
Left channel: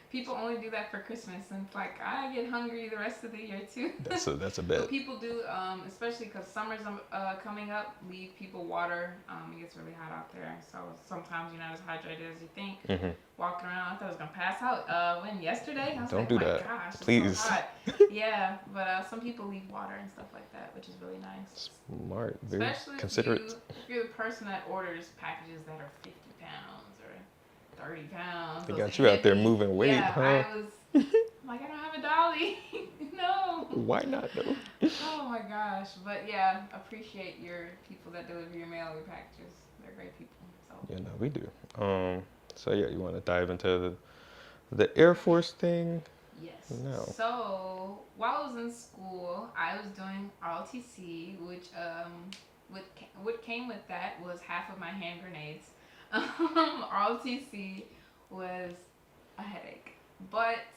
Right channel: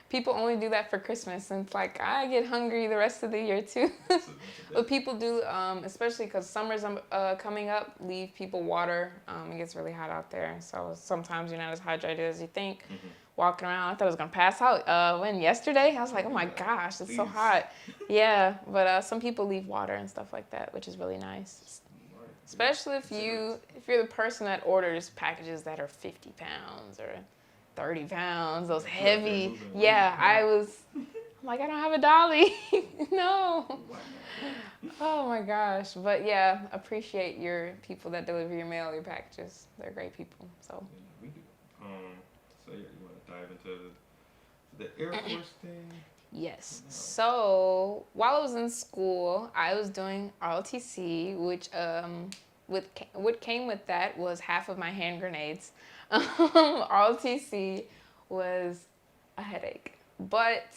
People only do that for Christmas, and it's like, I get hungry the rest of the year too. That's a bet. But people do, especially because summer's coming up, leave people water. It gets really hot out there, so sometimes you're not as hydrated as you think. Walking around, I thought I was going to pass out. Yesterday, I was like, oh my gosh, it's so hot. Yeah, but some people leave water and stuff like that, which is really nice. Smart. Especially if you're the person that orders packages that are 50 pounds or 30 pounds. They those got you heavy. out there moving weight. Yeah, huh? I was I'm like, I don't have a dolly. No. Why not though? Oh my gosh. But yeah, appreciate your people that deliver your mail, your packages. They're great people. So Yeah, no, we do. So yeah, you want to dive into the Air Force thing? yes. No. So while I was in school, I was doing ROTC, which what came with that was half of my hand grenades. ROTC was a headache, but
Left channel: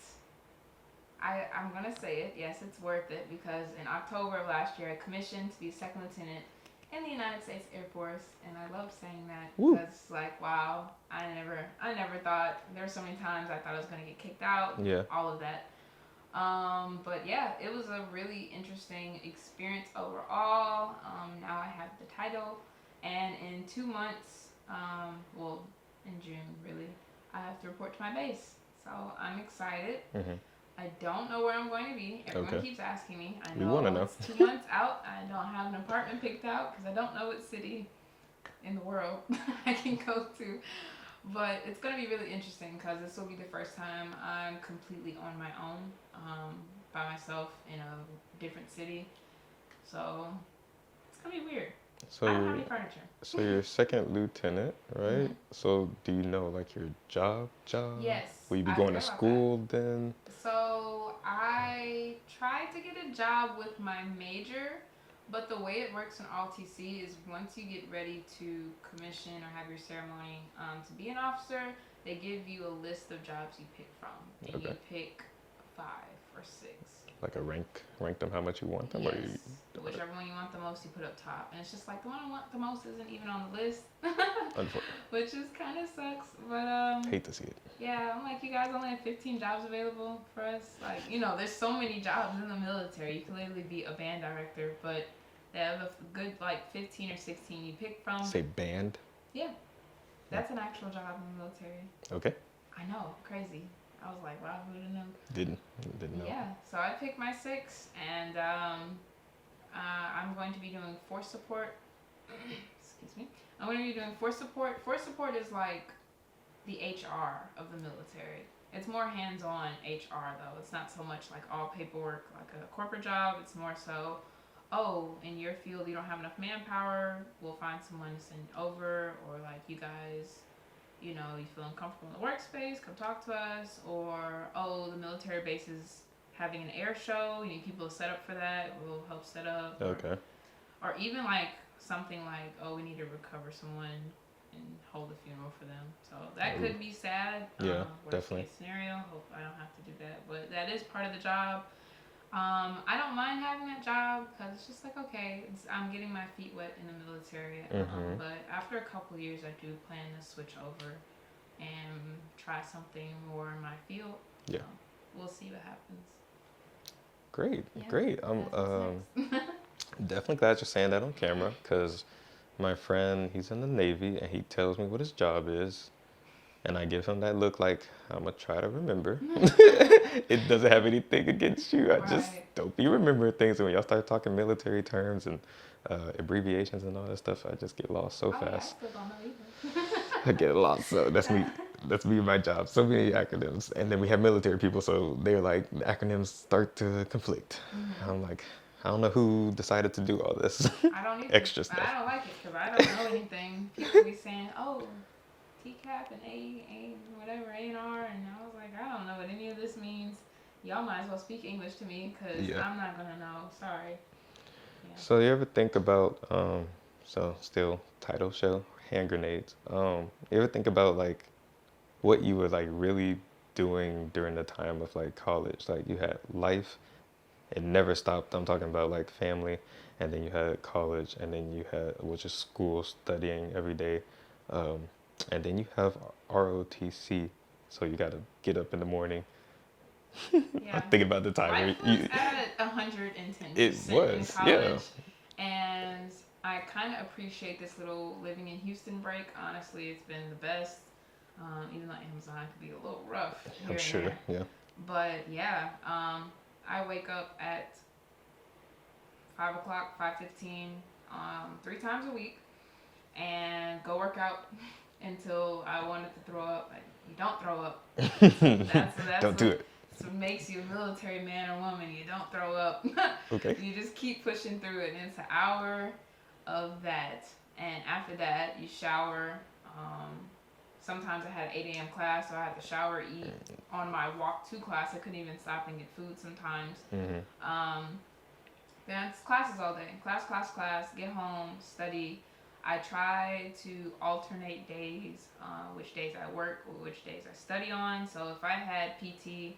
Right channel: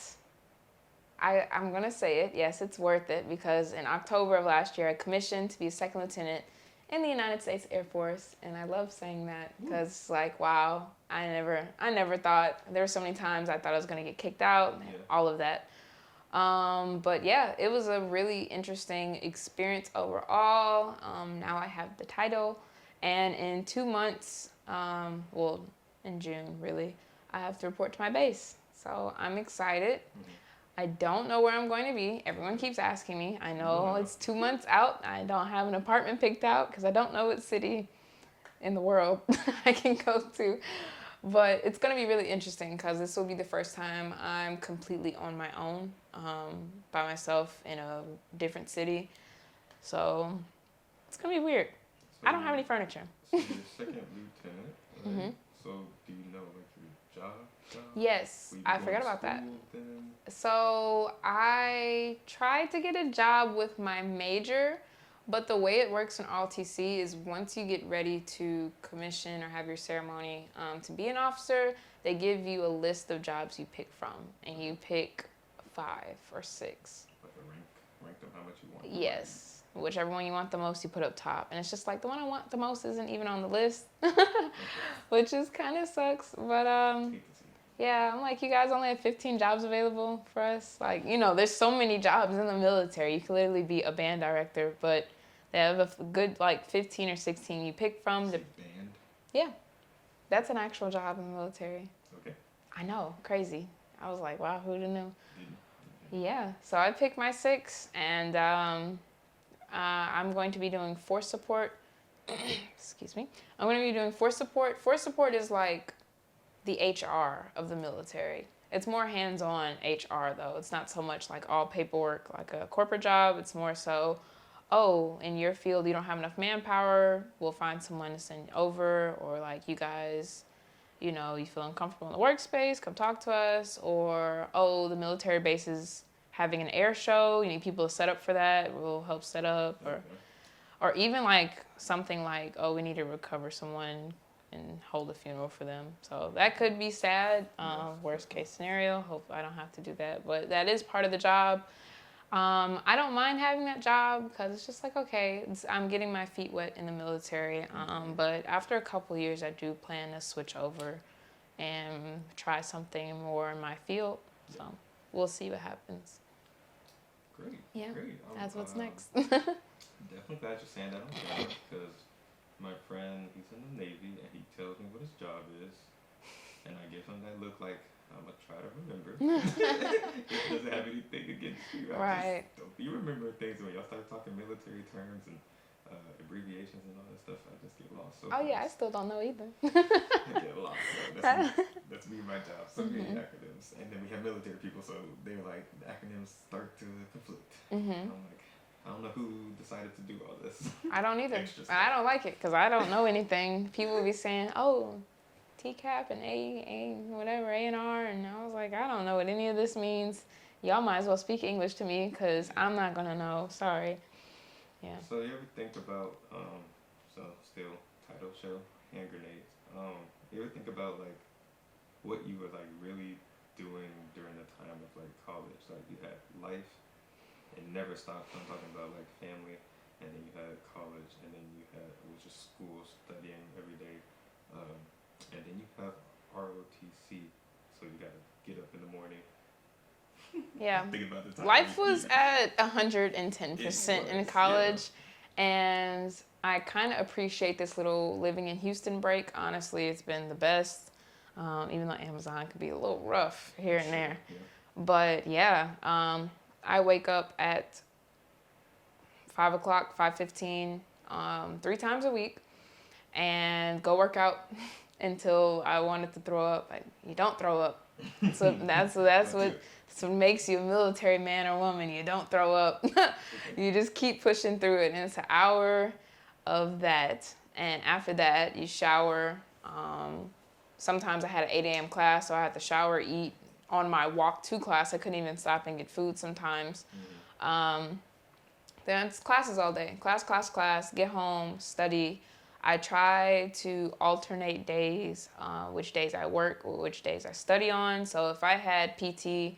I'm going to say it. Yes, it's worth it because in October of last year, I commissioned to be a second lieutenant in the United States Air Force, and I love saying that because, like, wow, I never thought. There were so many times I thought I was going to get kicked out. Yeah. All of that. But yeah, it was a really interesting experience overall. Now I have the title, and in 2 months, well, in June, really, I have to report to my base. So I'm excited. I don't know where I'm going to be. Everyone keeps asking me. I know it's 2 months out. I don't have an apartment picked out because I don't know what city in the world I can go to. But it's going to be really interesting because this will be the first time I'm completely on my own, by myself in a different city. So it's going to be weird. So I don't have any furniture. So you're second lieutenant, right? So do you know like your job? Yes. Will you be going to school then? So I tried to get a job with my major, but the way it works in ROTC is once you get ready to commission or have your ceremony to be an officer, they give you a list of jobs you pick from, and you pick 5 or 6. Like a rank them how much you want them. Yes. Whichever one you want the most, you put up top. And it's just like the one I want the most isn't even on the list, which is kind of sucks. But hate to see it. yeah, I'm like, you guys only have 15 jobs available for us. Like, there's so many jobs in the military. You could literally be a band director, but they have a good like 15 or 16 you pick from. Say band? Yeah, that's an actual job in the military. Okay. I know, crazy. I was like, wow, who'd have known? Didn't know. Yeah, so I picked my 6, and I'm going to be doing force support. Excuse me. I'm going to be doing force support. Force support is like the HR of the military. It's more hands-on HR, though. It's not so much like all paperwork like a corporate job. It's more so, in your field you don't have enough manpower, we'll find someone to send over, or like you guys... you feel uncomfortable in the workspace, come talk to us. Or, the military base is having an air show. You need people to set up for that. We'll help set up. Okay. Or even like something like, we need to recover someone and hold a funeral for them. So that could be sad. Worst definitely. case scenario. Hope I don't have to do that. But that is part of the job. I don't mind having that job because it's just like, okay, I'm getting my feet wet in the military. But after a couple years, I do plan to switch over and try something more in my field. Yeah. So we'll see what happens. Great, Yeah, great. that's what's next. Definitely glad you're saying that on camera because my friend, he's in the Navy and he tells me what his job is. And I give him that look like, I'm going to try to remember. It doesn't have anything against you. I just don't be remembering things. And when y'all start talking military terms and abbreviations and all that stuff, I just get lost so fast. Oh, yeah, I still don't know either. I get lost. So that's me. That's me, my job. So many acronyms. And then we have military people, so they're like, the acronyms start to conflict. And I'm like, I don't know who decided to do all this. I don't either. Extra stuff. I don't like it because I don't know anything. People will be saying, oh, TCAP and A, whatever, A&R. And I was like, I don't know what any of this means. Y'all might as well speak English to me because I'm not going to know. Sorry. Yeah. So you ever think about, so still title show, hand grenades. You ever think about like what you were like really doing during the time of like college? Like you had life, it never stopped. I'm talking about like family, and then you had college, and then you had, which is school, studying every day. And then you have ROTC, so you got to get up in the morning. Yeah. I'm thinking about the time. Life was at 110% in college. And I kind of appreciate this little living in Houston break. Honestly, it's been the best. Even though Amazon could be a little rough here and there. Yeah. But yeah, I wake up at 5 o'clock, 5:15, 3 times a week, and go work out until I wanted to throw up. You don't throw up. So that's what makes you a military man or woman. You don't throw up. Okay. You just keep pushing through it, and it's an hour of that. And after that, you shower. Sometimes I had an 8 a.m. class, so I had to shower, eat. On my walk to class, I couldn't even stop and get food sometimes. Then it's classes all day. Class, get home, study. I try to alternate days, which days I work, which days I study on. So if I had PT,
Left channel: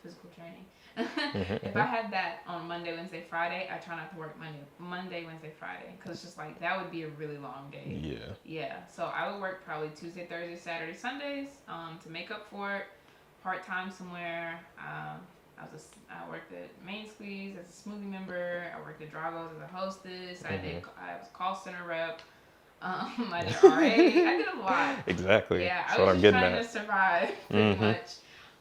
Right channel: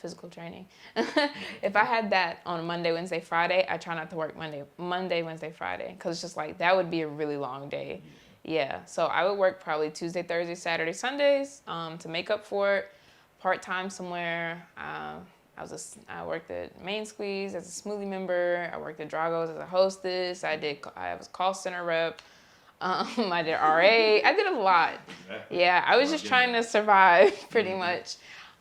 physical training, if I had that on Monday, Wednesday, Friday, I try not to work Monday, Wednesday, Friday, because it's just like that would be a really long day. Yeah. So I would work probably Tuesday, Thursday, Saturday, Sundays to make up for it. Part-time somewhere. I worked at Main Squeeze as a smoothie member. I worked at Drago's as a hostess. I was call center rep. I did RA. I did a lot. Exactly. Yeah, I was just trying to survive pretty much.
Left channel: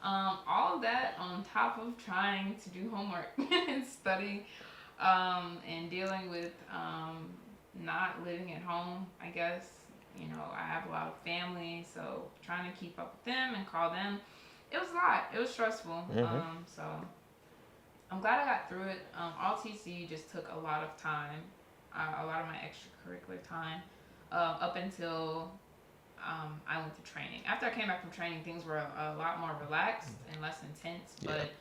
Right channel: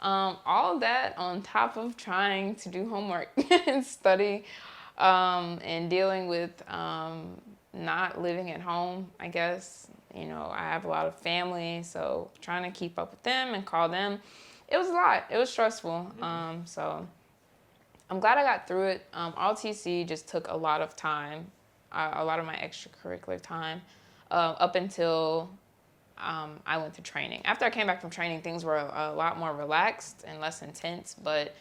All of that on top of trying to do homework and study and dealing with not living at home, I guess. You know, I have a lot of family, so trying to keep up with them and call them. It was a lot. It was stressful. So I'm glad I got through it. All TC just took a lot of time, a lot of my extracurricular time, up until I went to training. After I came back from training, things were a lot more relaxed and less intense. But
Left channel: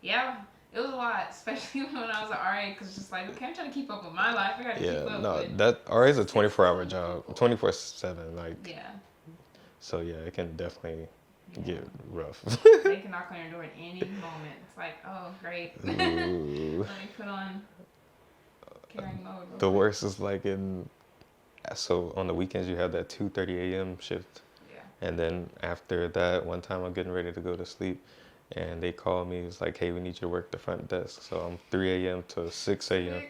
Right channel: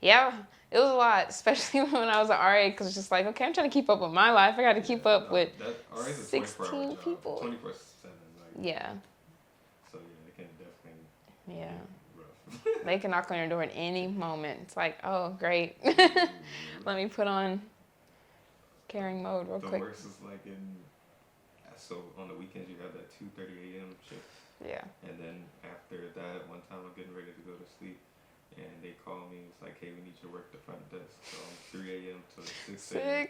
yeah, it was a lot, especially when I was at RA, because it's just like, okay, I'm trying to keep up with my life. I got to keep up with that RA is a 24-hour job, 24/7. Like So yeah, it can definitely get rough. They can knock on your door at any moment. It's like, oh, great. Let me put on carrying mode real The quick. worst is like so on the weekends you have that 2:30 a.m. shift. Yeah. And then after that, one time I'm getting ready to go to sleep, and they call me. It's like, hey, we need you to work the front desk. So I'm 3 a.m. to 6 a.m.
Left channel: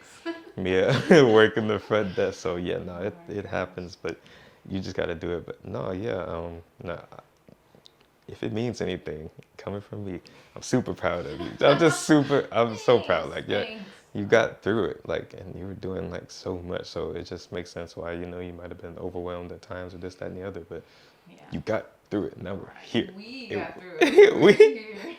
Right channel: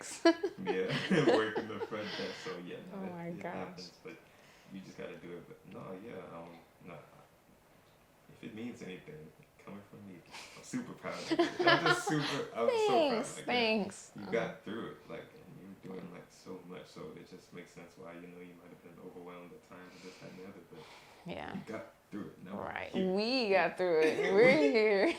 Yeah, working the front desk. So yeah, no, it happens, but you just got to do it. But no, if it means anything coming from me, I'm super proud of you. I'm so proud. Like, you got through it, like, and you were doing like so much. So it just makes sense why, you might have been overwhelmed at times with this, that, and the other, but you got through it. Now we're here. We got through it. We're here.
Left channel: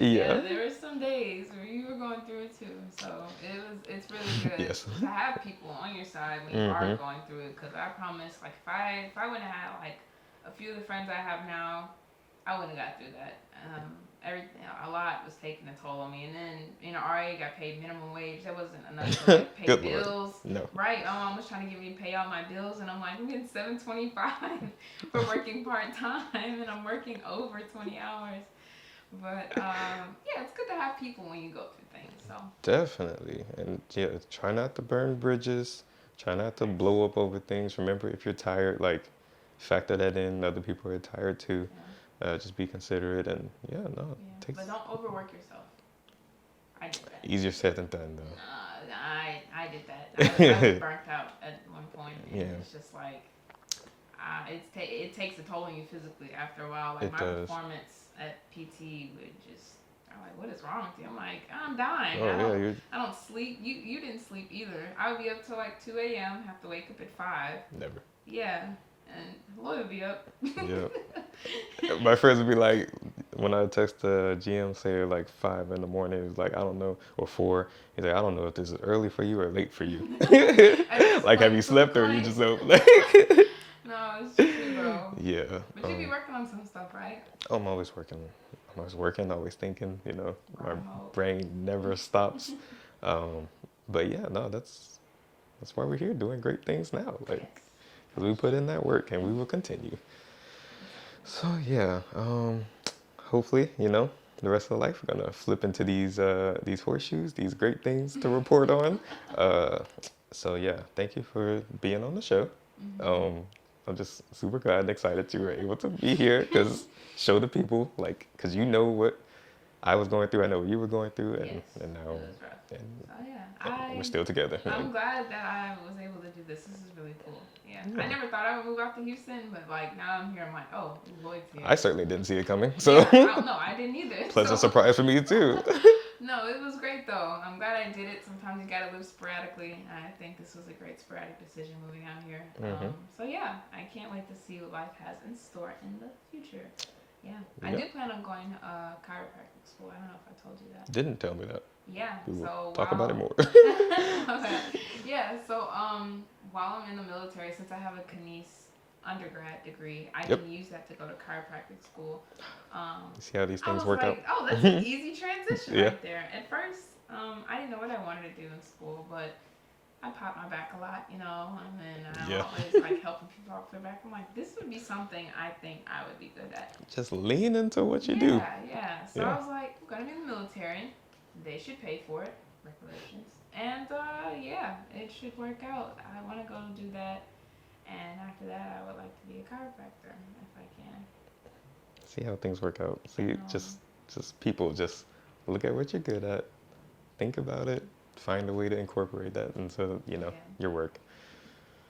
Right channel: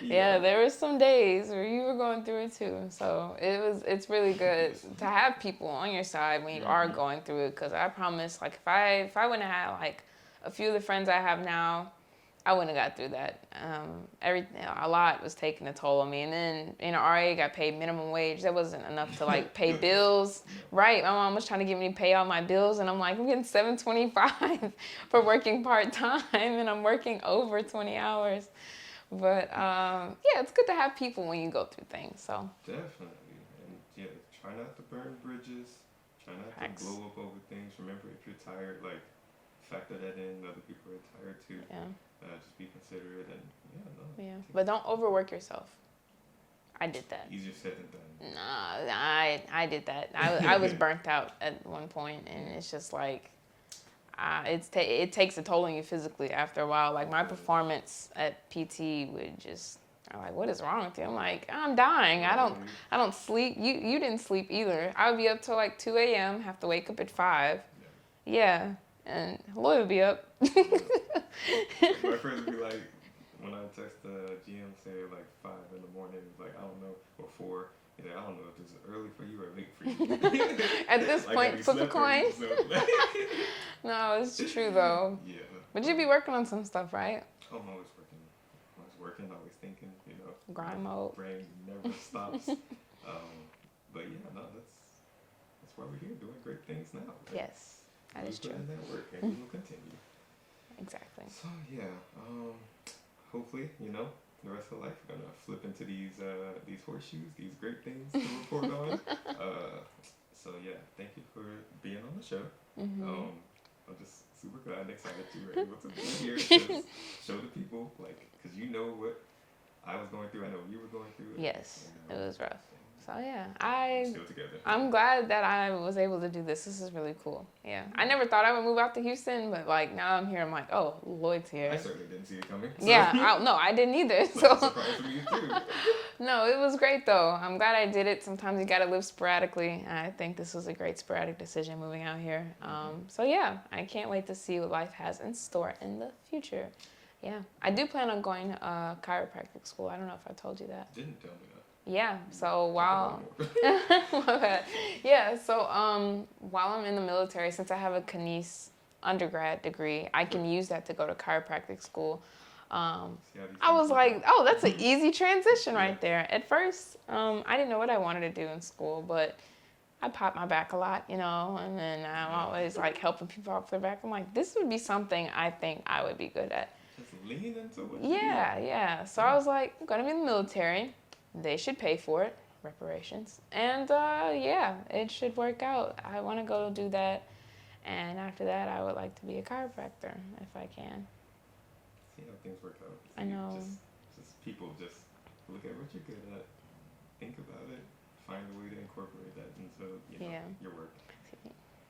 Yeah, there were some days where you were going through it too. So it's really good to have people on your side when you are going through it. Because I promise, like, if I wouldn't have had like a few of the friends I have now, I wouldn't have got through that. A lot was taking a toll on me, and then in RA, got paid minimum wage. That wasn't enough to like pay bills. No. Right? My mom was trying to get me to pay all my bills, and I'm like, I'm getting $7.25 for working part time, and I'm working over 20 hours. But yeah, it's good to have people when you go through things. So definitely, and yeah, try not to burn bridges. Try not to blow up over things. Remember, if you're tired, like factor that in. Other people are tired too. yeah. Just be considerate and Yeah. But don't overwork yourself. I did that. Easier said than done. Nah, I did that. I was burnt out at one point, and it's just like, it takes a toll on you physically after a while. Like my performance at PT would just, I'm like, what is wrong with you? I'm like, I'm dying. I don't sleep. You didn't sleep either. I would be up till like 2 a.m. Have to wake up at 5. Never. Yeah. And Lloyd would be up. Yeah. My friends would be like, when I text the GM, say like 5 in the morning, he's like, I don't know, or 4. He's like, I don't know if this is early for you or late for you. Like, have you slept or you just don't? Like, no, it's true though. Yeah. But you be working on some stuff, right? Oh, I'm always working. Always thinking, you know. Grind my mode. brain never stops. But yeah, no, that's why we're here doing great things now. Like, yes. We put in that work and we will continue. Exactly. So yeah, hopefully, you know, the rest of the life we're gonna flip into these horseshoes, these great things to report on. So yeah, thank you for being on the show. Mm-hmm. I'm just super glad and excited you were able to be here, because show the people, like, because you know what I was going through, I know what you were going through, and, yes, and now it was rough. So yeah, we're still together. I'm glad that I was able to do this. This is really cool. Yeah. I never thought I would move out to Houston, but like now I'm here, I'm like, oh, Lloyd's here. I certainly didn't see it coming. So. Yeah, no, I didn't either. Pleasant surprise for me too. No, it was great though. I'm glad I did it. Sometimes you gotta live sporadically. I think this was a great sporadic decision moving out here. So yeah, I can't wait to see what life has in store in the future. Yeah, I do plan on going to chiropractic school. I don't know if I told you that. Didn't tell me that. Yeah, so talk about it more. Yeah, so while I'm in the military, since I have a kines undergrad degree, I can use that to go to chiropractic school. See how these things I was work like, out? oh, that's an easy transition right there. At first, I didn't know what I wanted to do in school, but I popped my back a lot, you know, and then I'm always like helping people off their back. I'm like, this would be something I think I would be good at. Just lean into what you do. Yeah. So I was like, I'm going to be in the military. They should pay for it, reparations. And it should work out. I want to go do that. And after that, I would like to be a chiropractor if I can. See how things work out. See, just people, just look at what you're good at. Think about it. Find a way to incorporate that into, your work.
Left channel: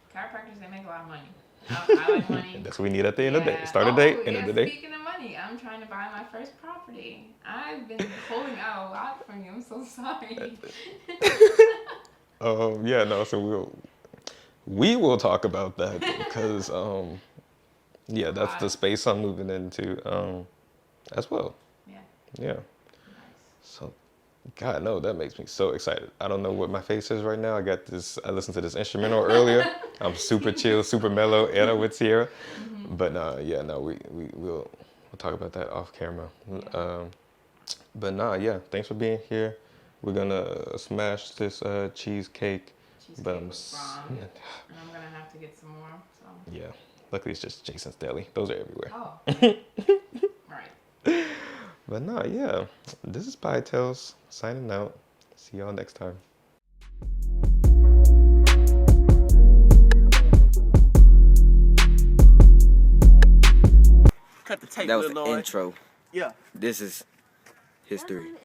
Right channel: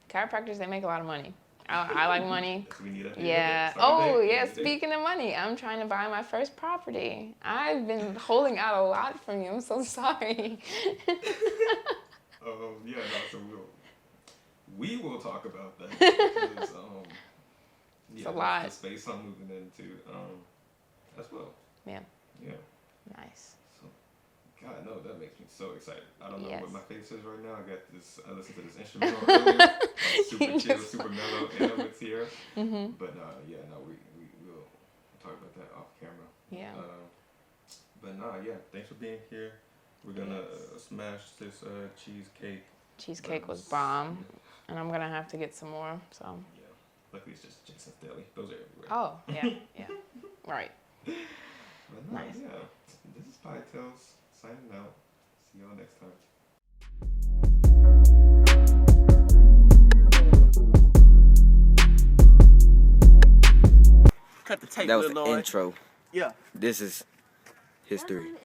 Chiropractors, they make a lot of money. I like money. That's what we need at the end of the day. Start a date, end of the day. Speaking of money, I'm trying to buy my first property. I've been holding out a lot from you. I'm so sorry. So we will talk about that because, that's the space I'm moving into as well. Yeah. Yeah. God, no, that makes me so excited. I don't know what my face is right now. I listened to this instrumental earlier. I'm super chill, super mellow, Anna with Sierra. Mm-hmm. But we'll talk about that off camera. Yeah. Thanks for being here. We're gonna smash this cheesecake. Cheesecake was bomb, and I'm gonna have to get some more. So yeah, luckily it's just Jason's Deli. Those are everywhere. Oh yeah. Right. But this is PieTales signing out. See y'all next time. Cut the tape. That was the intro. Yeah. This is history.